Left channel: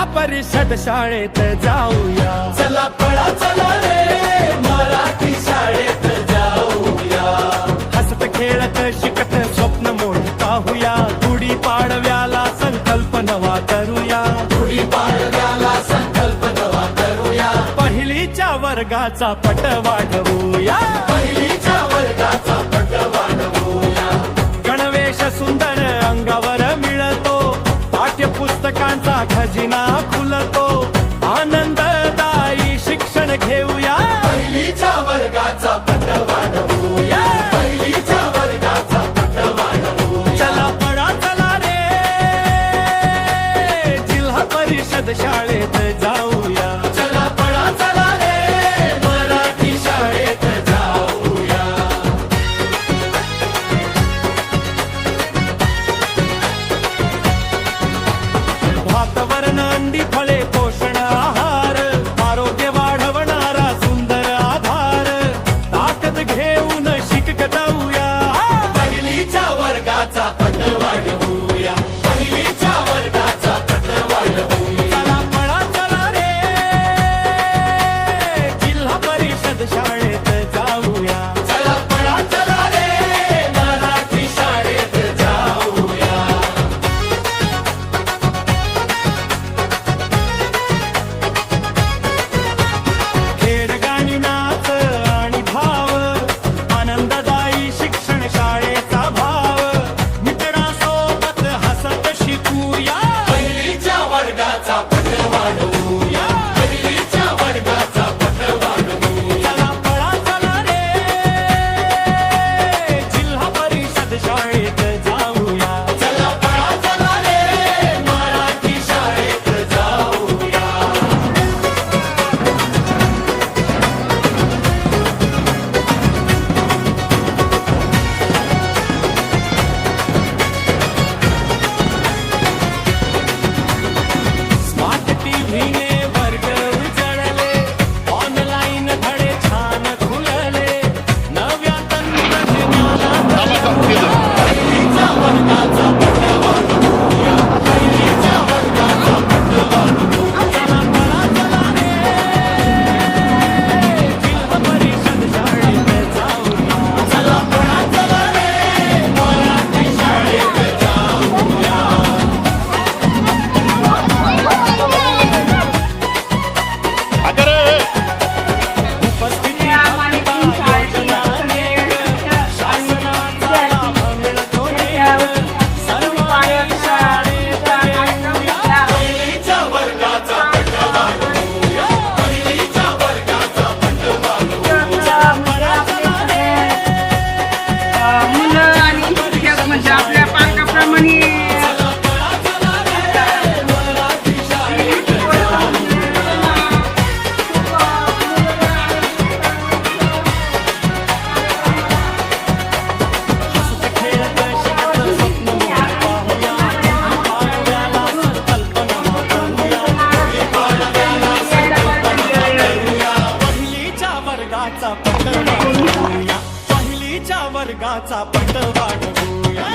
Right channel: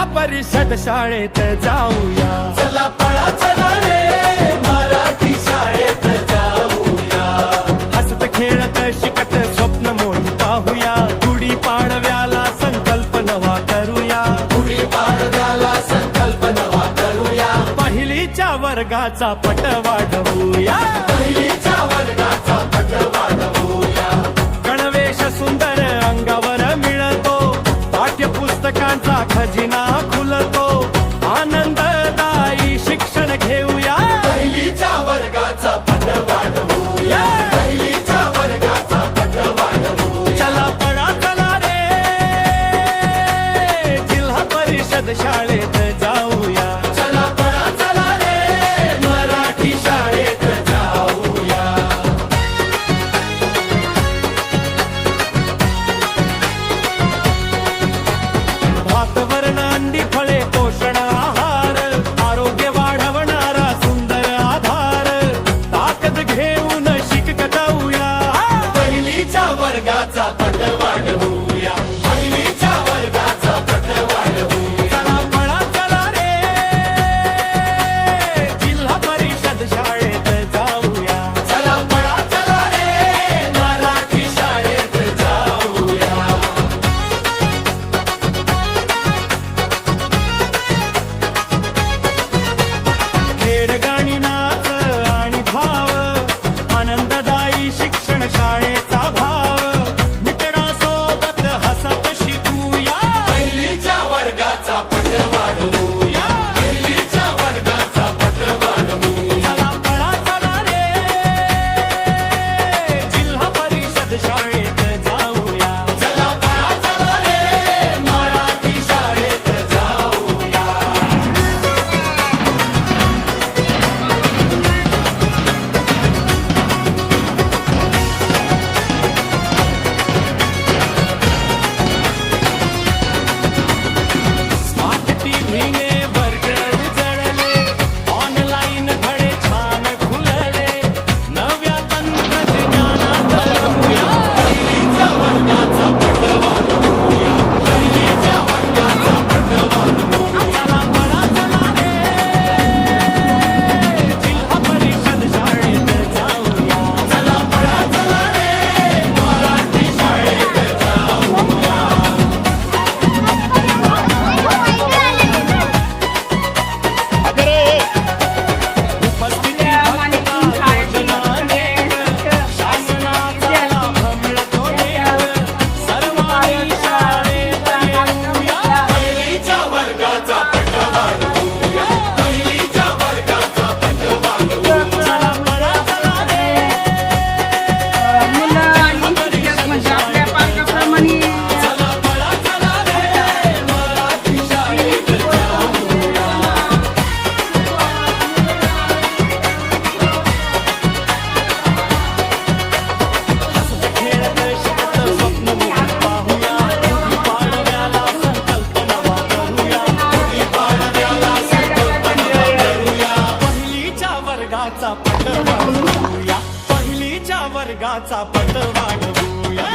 जिल्हा परिषद शाळेत जाऊया. चला पळा चला रे मराठी शाळेत जाऊया. हसत खेळत शिकत स्वप्न मोठी पाहूया. गुढी पाडव्याला संकल्प नवा करूया. गुढी पाडव्याला संकल्प नवा करूया. पहिलीच्या वर्गाचा पट वाढवूया. पहिलीच्या वर्गाचा पट वाढवूया. गणवेश सुंदर अंगावर मिळतो. पाठ्यपुस्तकांचा खजिना खुलतो. आनंददायी शिक्षण घेऊया. पहिलीच्या वर्गाचा पट वाढवूया. पहिलीच्या वर्गाचा पट वाढवूया. चला पळा चला रे जिल्हा परिषद शाळेत जाऊया. चला पळा चला रे मराठी शाळेत जाऊया. भात वरण अंडी फळे पोषण आहार. आरोग्य वाढवणारा सुंदर आधार. ताकद घेऊन शिकताऊया. पहिलीच्या वर्गाचा पट वाढवूया. पहिलीच्या वर्गाचा पट वाढवूया. चला पळा चला रे जिल्हा परिषद शाळेत जाऊया. चला पळा चला रे मराठी शाळेत जाऊया. खेळ गाणी नाच आणि भाव. आनंददायी शिक्षण शाळेचा भाव. मित्रांसोबत हसत शिकूया. पहिलीच्या वर्गाचा पट वाढवूया. पहिलीच्या वर्गाचा पट वाढवूया. चला पळा चला रे जिल्हा परिषद शाळेत जाऊया. चला पळा चला रे मराठी शाळेत जाऊया. स्मार्ट टीव्हीने वर्ग उजळले. ऑनलाईन धडे छान खुलले. नव्या तंत्रज्ञानात रमूया. पहिलीच्या वर्गाचा पट वाढवूया. पहिलीच्या वर्गाचा पट वाढवूया. चला पळा चला रे जिल्हा परिषद शाळेत जाऊया. चला पळा चला रे मराठी शाळेत जाऊया. उपस्थिती भक्ता योजना नेक. शासनाचा लाभ मिळतो नेक. सर्वांनी शाळेत येऊया. पहिलीच्या वर्गाचा पट वाढवूया. पहिलीच्या वर्गाचा पट वाढवूया. चला पळा चला रे जिल्हा परिषद शाळेत जाऊया. चला पळा चला रे मराठी शाळेत जाऊया. हसत खेळत शिकत स्वप्न मोठी पाहूया. गुढी पाडव्याला संकल्प नवा करूया. गुढी पाडव्याला संकल्प नवा करूया. पहिलीच्या वर्गाचा पट वाढवूया. पहिलीच्या वर्गाचा पट वाढवूया.